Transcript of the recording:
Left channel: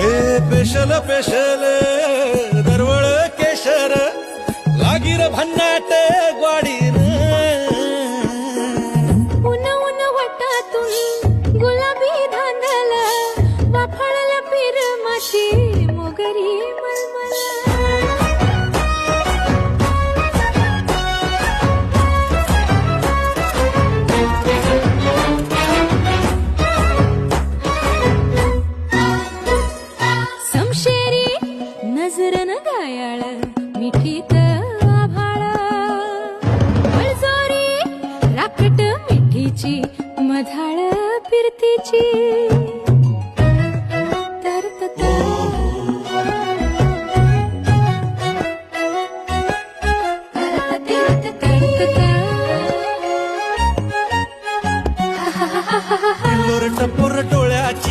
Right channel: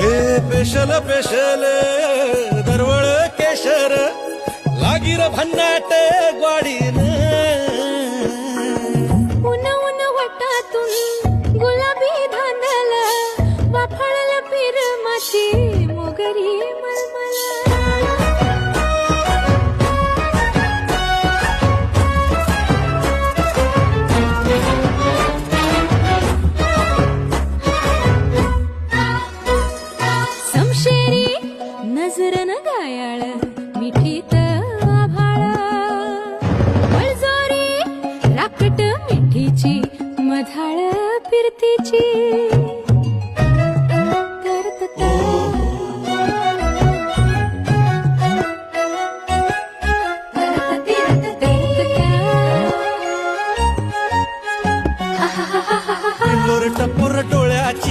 हे special special दरवळ केशर लागीर भन्नाट ग्वाडीन. नजर न गायाळ मिठीत आभाळ. वळजोरी राकट मिठीची मधाळ फिरतीची. पुर डोळ्याची